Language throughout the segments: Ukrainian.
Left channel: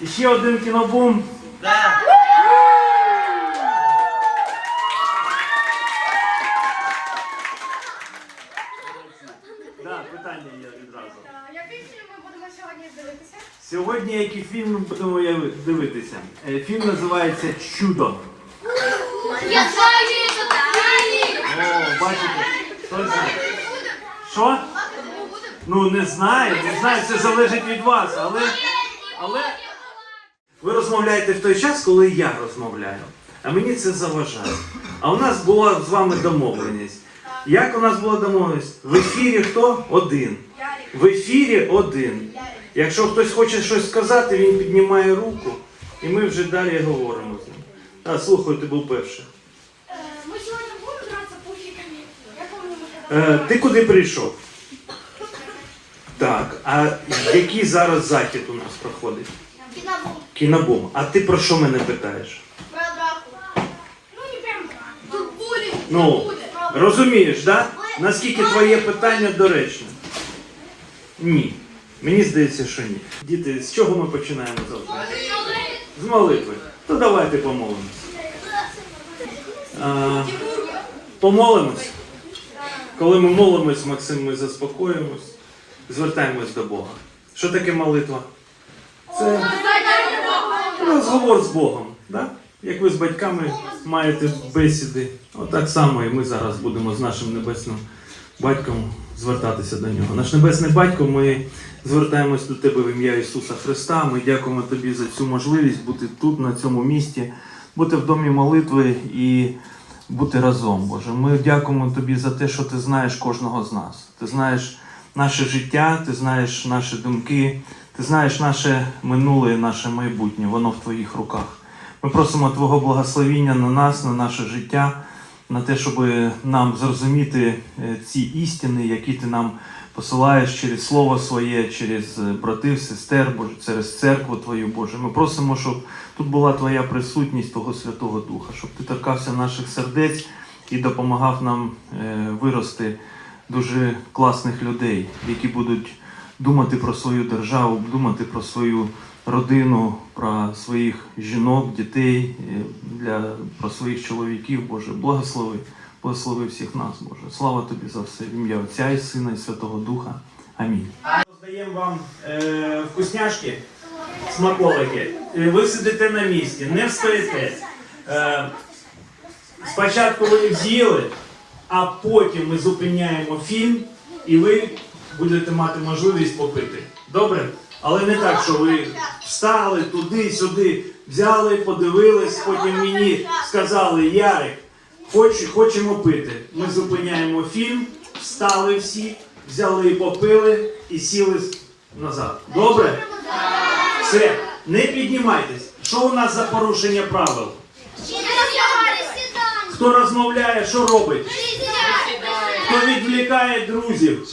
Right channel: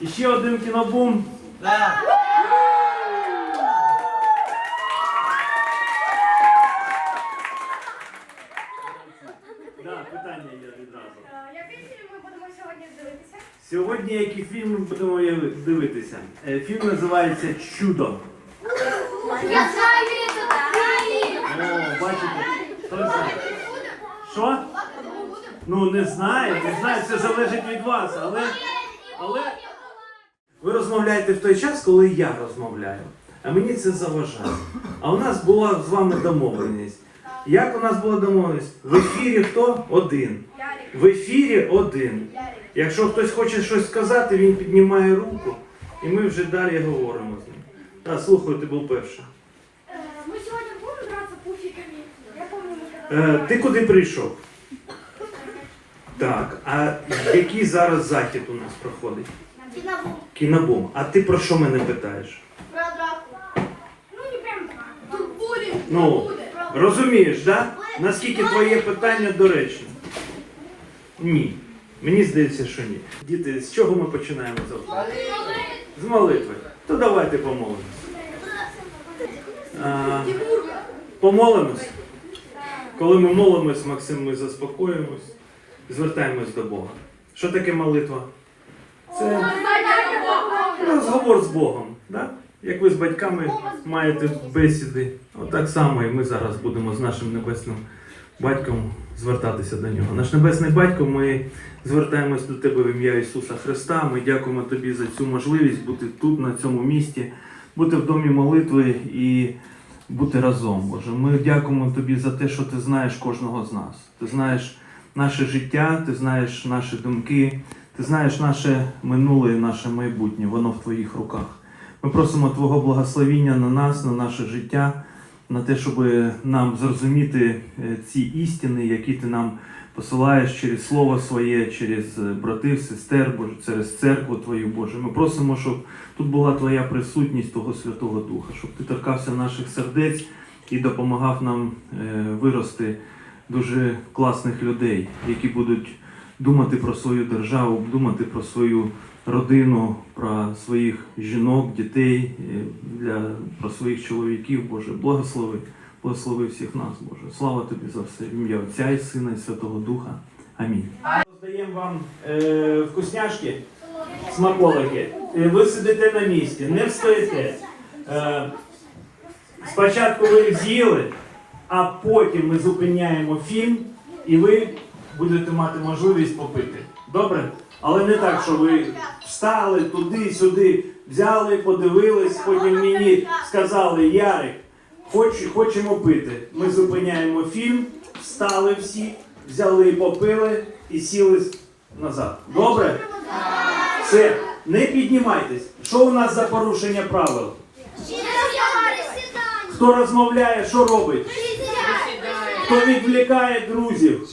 І ще один кінобум. Питання є відразу. Який фільм ми будемо сьогодні дивитися? Сьогодні які фільми будемо я- дивитися? Е, Фільм називається Чудо. Я знаю, що О, бачите, хто знає? Що? Ну не знаю, не знаю, це залежить від вас, але, але ви розмовляєте в той час, коли я розмовляю. А мені це заважає. А у нас була з вами домовленість. Як у нас була домовленість? В ефірі хто? Один. В ефірі один. Якщо хтось хоче щось сказати, він піднімає руку, і ми вже далі говоримо з ним. А, слухаю, ти був перший. Ми сьогодні будемо гратися пуфіками. Я ми Е, ти куди прийшов? Так, а який зараз захід у нас проходить? Кінобум. А ти про що мене питаєш? Про драку. Ну, не прям драку. Тут булінг. Ну, розумієш, да? Наскільки твоє питання доречне? Ні. Мені здається, що ні. Діти, з чого ми починаємо завтра? З молитви. То давайте помолимось. А, помолимось. Коли ми молимось, Максим, ми заспокоїмось, звертаємось до Бога. Що таке молитва? Це розговор з Богом. Да? Як ви з батьками маєте бесіди, отак само і ми зараз будемо з нашим небесним батьком звертатися до нього. Наш небесний батько, ми звертаємось до тебе в ім'я Ісуса Христа. Ми дякуємо тобі за цю можливість бути тут, на цьому місці, бути в домі молитви і бути разом, Боже. Ми дякуємо тобі за те, що ти знаєш кожного з нас. Ти знаєш наше життя, ти знаєш наші думки, ти знаєш наше минуле і наше майбутнє. Воно в твоїх руках. Ми просимо Твого благословіння на нас, на наше життя, на те, щоб нам зрозуміти е, ці істини, які ти нам посилаєш через Слово Своє, через е, братів, сестер, Боже, через церкву Твою, Боже. Ми просимо, щоб тут була Твоя присутність Твого Святого Духа, щоб ти торкався наших сердець і допомагав нам е, вирости дуже класних людей, які будуть думати про свою державу, думати про свою родину, про своїх жінок, дітей, е, для, про своїх чоловіків, Боже, благослови, благослови всіх нас, Боже. Слава тобі за все. В ім'я Отця і Сина і Святого Духа. Амінь. Роздаємо вам е, вкусняшки, смаколики. Е, Ви сидите на місці, не встаєте. Е, спочатку ви з'їли, а потім ми зупиняємо фільм, і ви будете мати можливість попити. Добре? Але не так, що ви встали туди, сюди, взяли, подивились, потім мені сказали, Ярик, хоч, хочемо пити. Ми зупиняємо фільм, встали всі, взяли, попили і сіли назад. Добре? Все, не піднімайтесь. Що у нас за порушення правил? Хто розмовляє, що робить? Хто відвлікає друзів?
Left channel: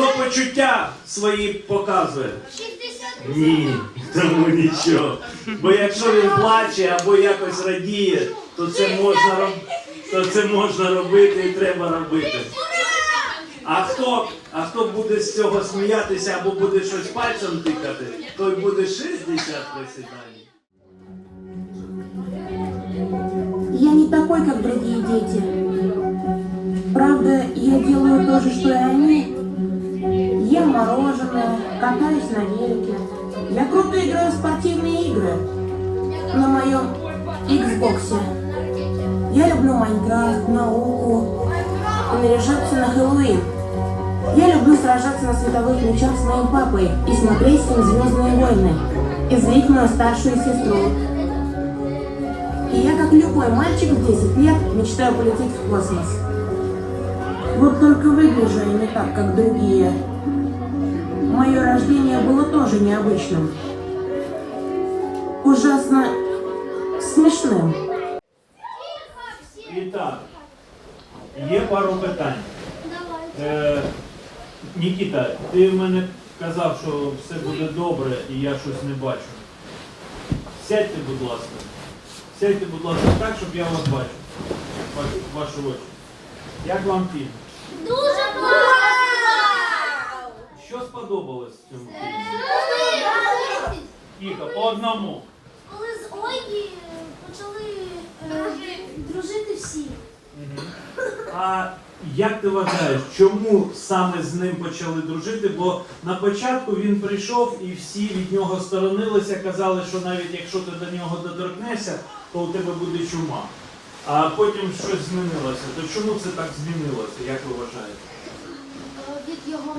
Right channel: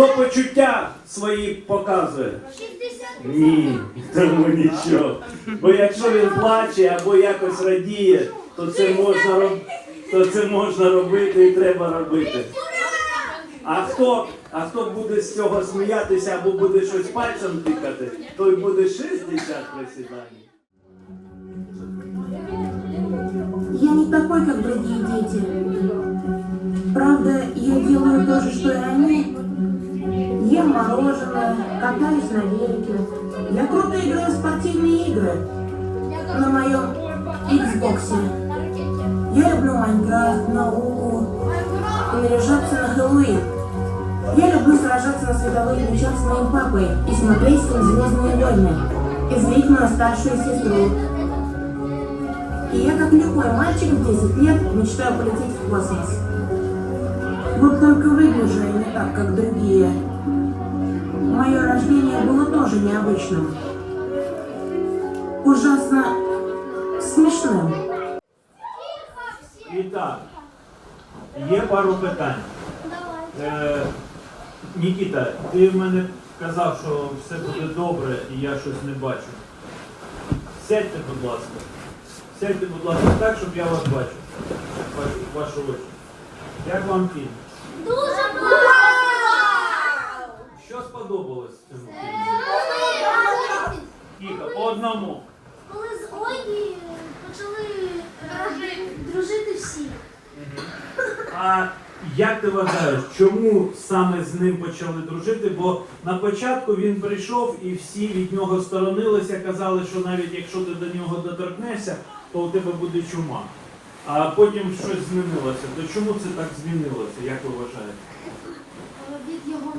Хто почуття свої показує? Ні, тому нічого. Бо якщо він плаче або якось радіє, то це можна то це можна робити і треба робити. А хто, а хто буде з цього сміятися або буде щось пальцем тикати, той буде 60 присідань. Я не такой, как другие дети. Правда, я делаю то же, что и они. Ем мороженое, катаюсь на велике. Я круто играю в спортивные игры на моем Xbox. Я люблю Майнкрафт, науку наряжаться на Хэллоуин. Я люблю сражаться на световых мечах с моим папой и смотреть с ним «Звездные войны» и злить мою старшую сестру. И я, как любой мальчик в 10 лет, мечтаю полететь в космос. Вот только выгляжу я не так, как другие. Мое рождение было тоже необычным. Ужасно смешным. І так, є пару питань. Е, Нікіта, ти в мене казав, що все буде добре і я щось не бачу. Сядьте, будь ласка. Сядьте, будь ласка, так, щоб я вас бачив. Ваш- Вашу очі. Як вам фільм? Дуже цьому фільмі? Дуже одному. Коли з Ольги почали е, дружити всі. А як ти вважаєш, чому саме з ним почали дружити? Бо на початку він прийшов і всі від нього сторонилися, казали, що навіть якщо ти до нього доторкнешся, то у тебе буде чума. А потім щось змінилося. То чому це так змінилося, як ви вважаєте? е, Від його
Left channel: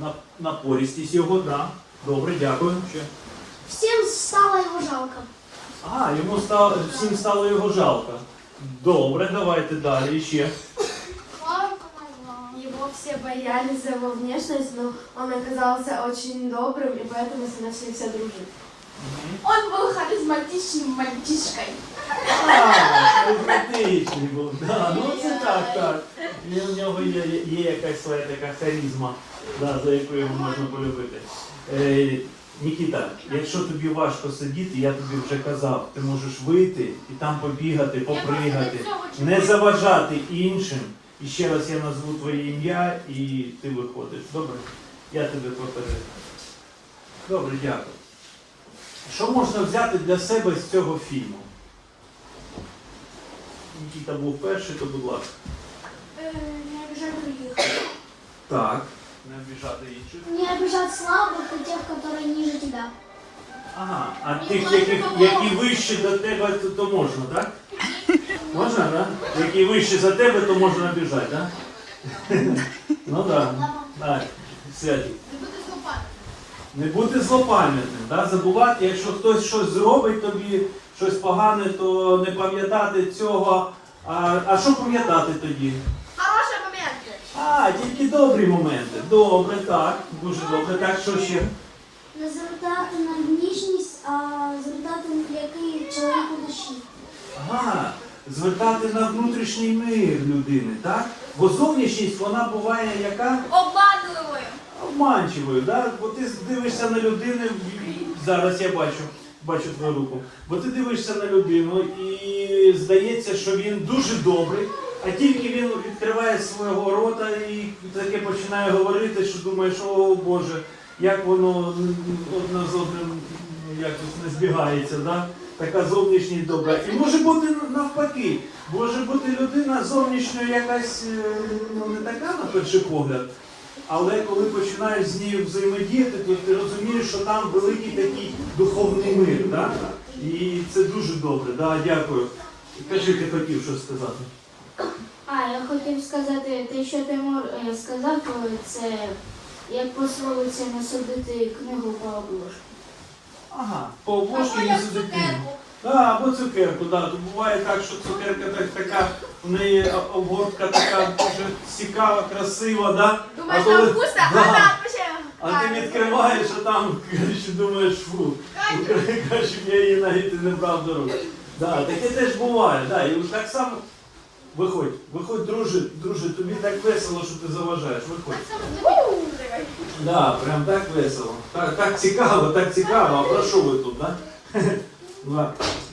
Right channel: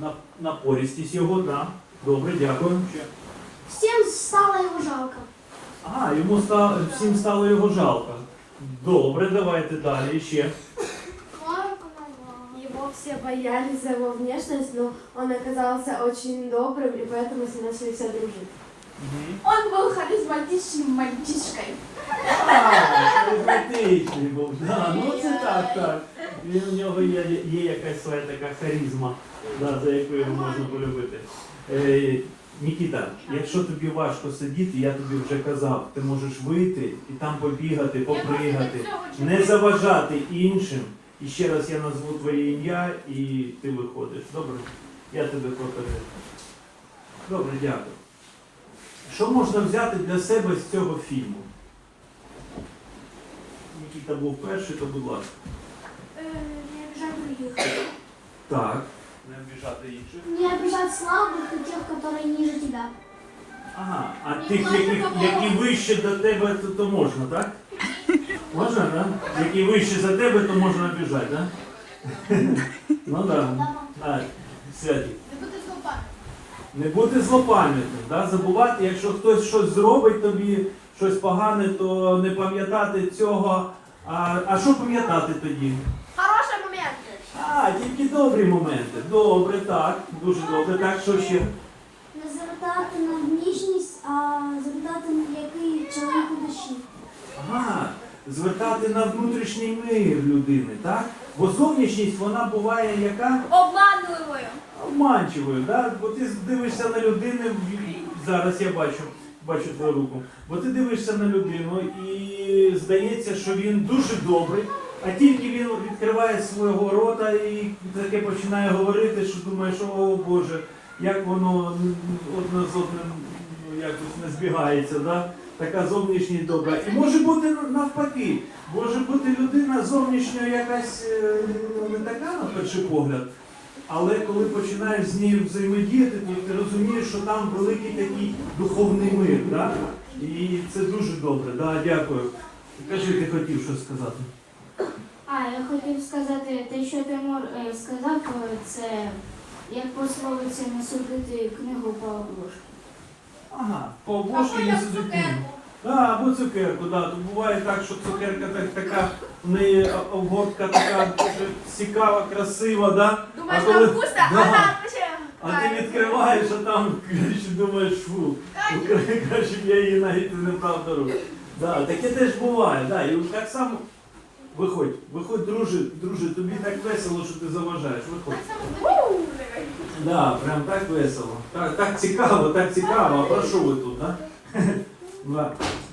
напорістість. На, напористість його, так. Да. Добре, дякую. Ще. Всім стало його жалко. А, йому стало, всім стало його жалко. Добре, давайте далі ще. Его все боялись за его внешность, но он оказался очень добрым, и поэтому с ним начали все дружить. Он був харизматичним мальчишкою. А, харизматичний був. Да, ну це так, так. У нього є, є якась своя така харизма, да, за яку його можна полюбити. Е, Нікіта, якщо тобі важко сидіти, я тобі вже казав, ти можеш вийти і там побігати, попригати, не заважати іншим. І ще раз я назву твоє ім'я і ти виходиш. Добре? Я тебе покажу. Добре, дякую. Що можна взяти для себе з цього фільму? Нікіта був перший, то будь ласка. Е, Не обижать других. Так. Не обіжати інших. Не обижать слабых и тех, которые ниже тебя. Ага, а тих, які, які вище до тебе, то, то можна, так? Можна, так? Які вище за тебе, то можна обіжати, так? Ну так. Так, святі. Не бути злопа. Не бути злопам'ятним, да? забувати, якщо хтось щось зробить тобі, щось погане, то не пам'ятати цього. А, а що пам'ятати тоді? Хороший момент. А, тільки добрі моменти. Добре, так, дуже добре. Так, що ще? Не звертати на внішність, а звертати на який чоловік у душі. Ага, звертати на внутрішній мир людини, так? Бо зовнішність вона буває яка Обманливою. Обманчивою, да? бо ти дивишся на людину, зараз я бачу, бачу твою руку, бо ти дивишся на людину і здається, що він дуже добрий, а тільки він відкриває свого рота і таке починає говорити, що думаєш, о Боже, як воно одне з одним якось не збігається, да? така зовнішність добра. І може бути навпаки, може бути людина зовнішньо якась е, ну, не така на перший погляд. Але коли починаєш з нею взаємодіяти, то ти розумієш, що там великий такий духовний мир. Да? І це дуже добре. Да? Дякую. Кажи, ти хотів щось сказати. А, я хотів сказати, те, що Тимур е, сказав, то це як пословиця не судити книгу по обложку. Ага, по обложці не сидить книгу. А, або цукерку, да. То буває так, що цукерка так, така, в неї обгортка така дуже цікава, красива, да? Думаєш, там вкусно, Да. а там ще... А ти відкриваєш, а там коротше, думаєш, фу, краще б я її навіть не брав до рук. Да, таке теж буває, да, і так само. Виходь, виходь, друже, друже, тобі так весело, що ти заважаєш, виходь. Да, прям так весело. Так, так цікаво, так цікаво. А про що ви тут, да?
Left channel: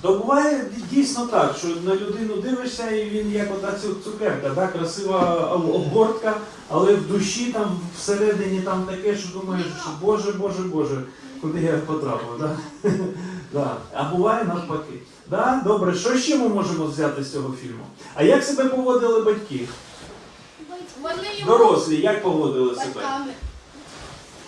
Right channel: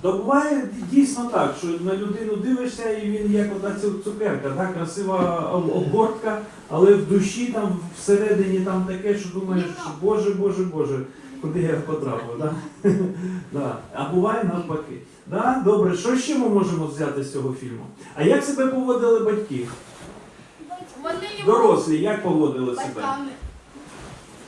Буває дійсно так, що на людину дивишся, і він як ота цукерка, да? красива об- обгортка, але в душі там всередині там таке, що думаєш, що Боже, Боже, Боже, куди я потрапив, да? да. А буває навпаки. Да? Добре, що ще ми можемо взяти з цього фільму? А як себе поводили батьки? Дорослі, як поводили себе?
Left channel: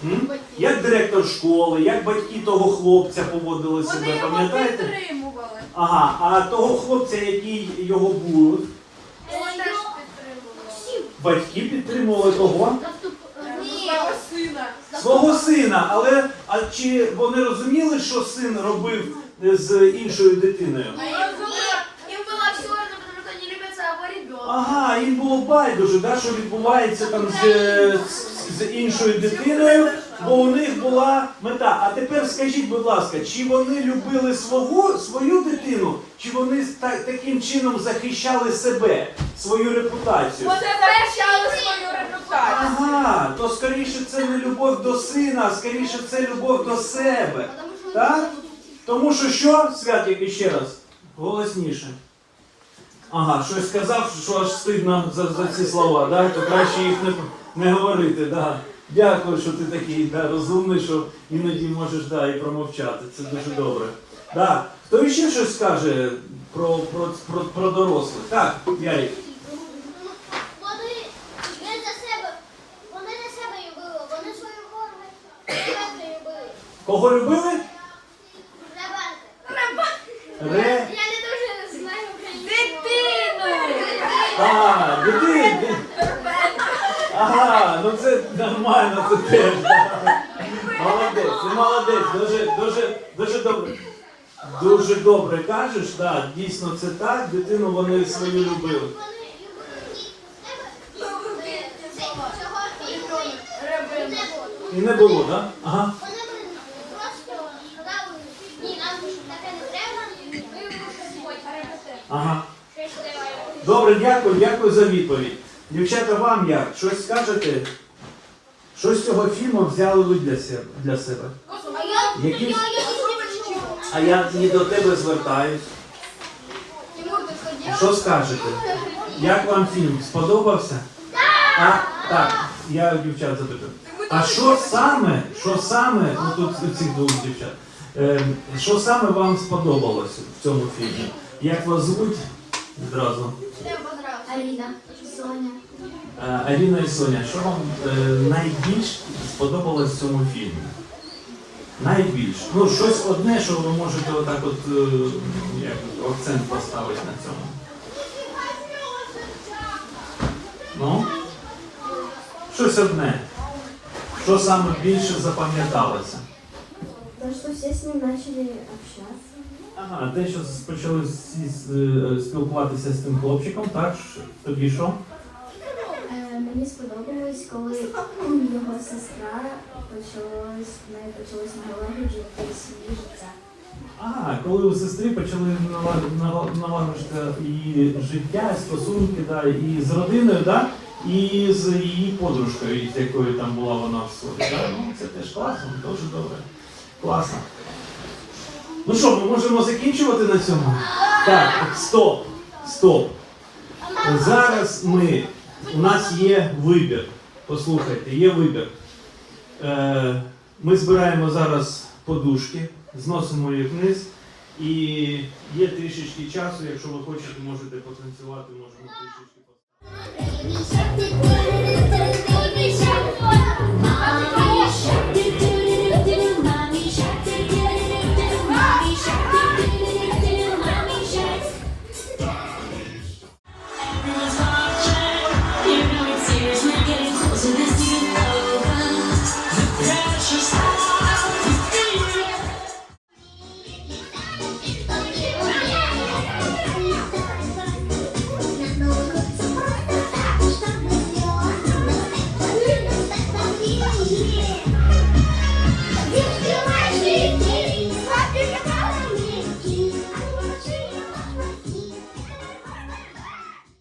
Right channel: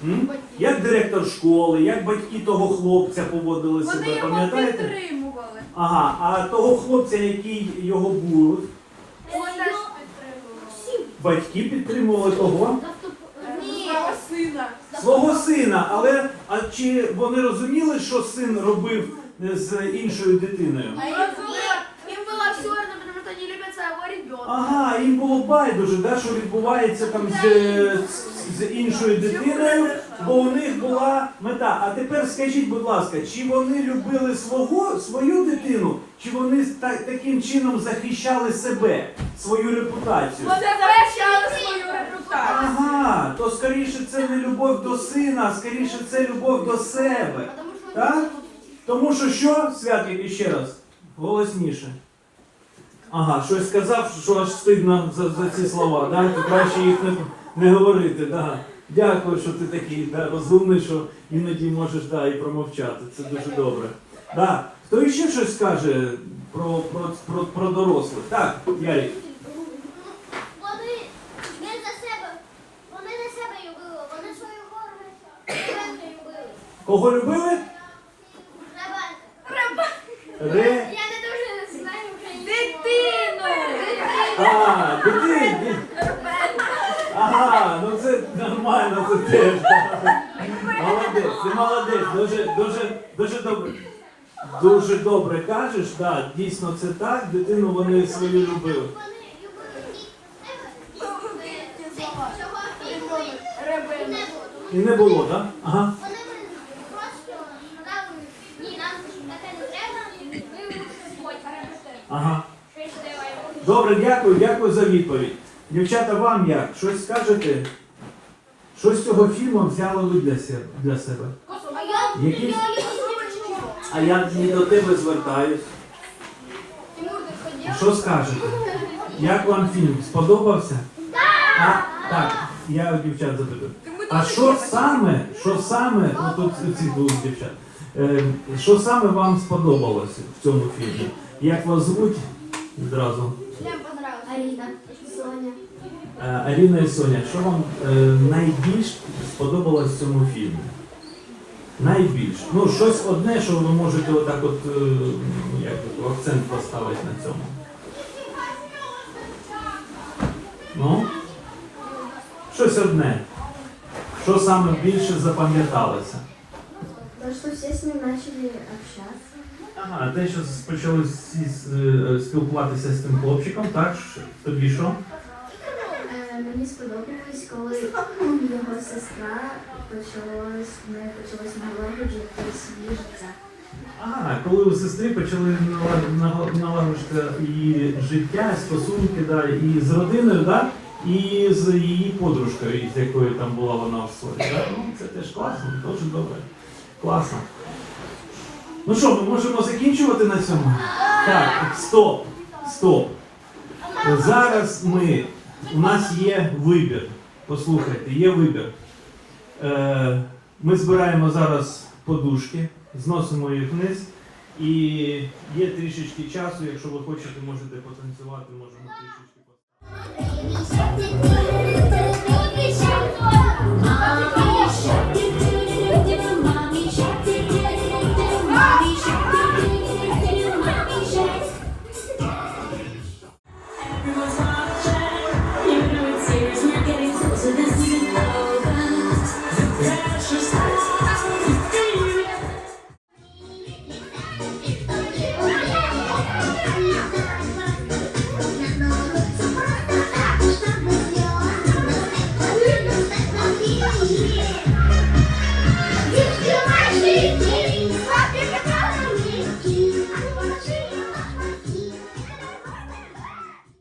М? Як директор школи, як батьки того хлопця поводили себе, Вони його пам'ятаєте? підтримували. Ага, а того хлопця, який його був, Його теж підтримували. батьки підтримували того Ні. сина. свого сина. Але а чи вони розуміли, що син робив з іншою дитиною? А їм було, їм було все это, потому что они любят своего ребенка. Ага, їм було байдуже, да, що відбувається там з, з, з іншою дитиною, бо у них була мета. А тепер скажіть, будь ласка, чи вони любили свого, свою дитину, чи вони та, таким чином захищали себе, свою репутацію? Вони захищали свою репутацію. Ага, то скоріше це не любов до сина, а скоріше це любов до себе. Так? Тому що що, Святик, іще раз, голосніше. Ага, щось сказав, що аж стидно за, за ці слова, да? то краще їх не, не говорити. Да. Дякую, що ти такий да, розумний, що іноді можеш да, і промовчати. Це дуже добре. Да. Хто іще щось скаже про, про, про, про дорослих? Так, Ярик. Кого любили? Ребенка. Ре. Я не дуже знаю українську. Дитину! А, дитин. Ага, ну це нормально, це теж. Молодець, ти молодець, дуже, дуже, дуже добре. Дуже добре кажеш, да, дійсно це так, дитину вони свою любили. І не було. Так? Да? Ага. Ага. Добре, дякую, дякую за відповідь. Дівчата, вам як? Щось скажете? Що з цього фільму взяли ви для себе? Для себе? Якісь? А я і до тебе звертаюсь. Що скажете? Як вам фільм? Сподобався? А, так, я дівчат запитую. А що саме, що саме, ну тут у цих двох дівчат, е, що саме вам сподобалося в цьому фільмі? Як вас звуть? Відразу. Аліна, Соня. Е, Аліна і Соня, що вам е, найбільш сподобалось в цьому фільмі? Найбільш. Ну, щось одне, що ви можете отак от е, як, акцент поставити на цьому. Ну? Щось одне. Що саме більше запам'яталося? То, что все с ним начали общаться. Ага, те, що почали всі спілкуватися з тим хлопчиком, так? Тобі що? Мені сподобалось, коли його сестра почалось, в неї почалось налагоджувати своє життя. Ага, коли у сестри почали нала- нала- налагоджувати її життя, стосунки, да, і з родиною, да, і з її подружкою, з якою там була вона в ссорі. Да? Ну, це теж класно, дуже добре. Класно. Ну що, ми можемо закінчувати на цьому? Так, стоп, стоп. Зараз ми, у нас є вибір. Послухайте, є вибір. Е, ми збираємо зараз подушки, зносимо їх вниз. І є трішечки часу, якщо ви хочете, можете потанцювати, можемо трішечки. You.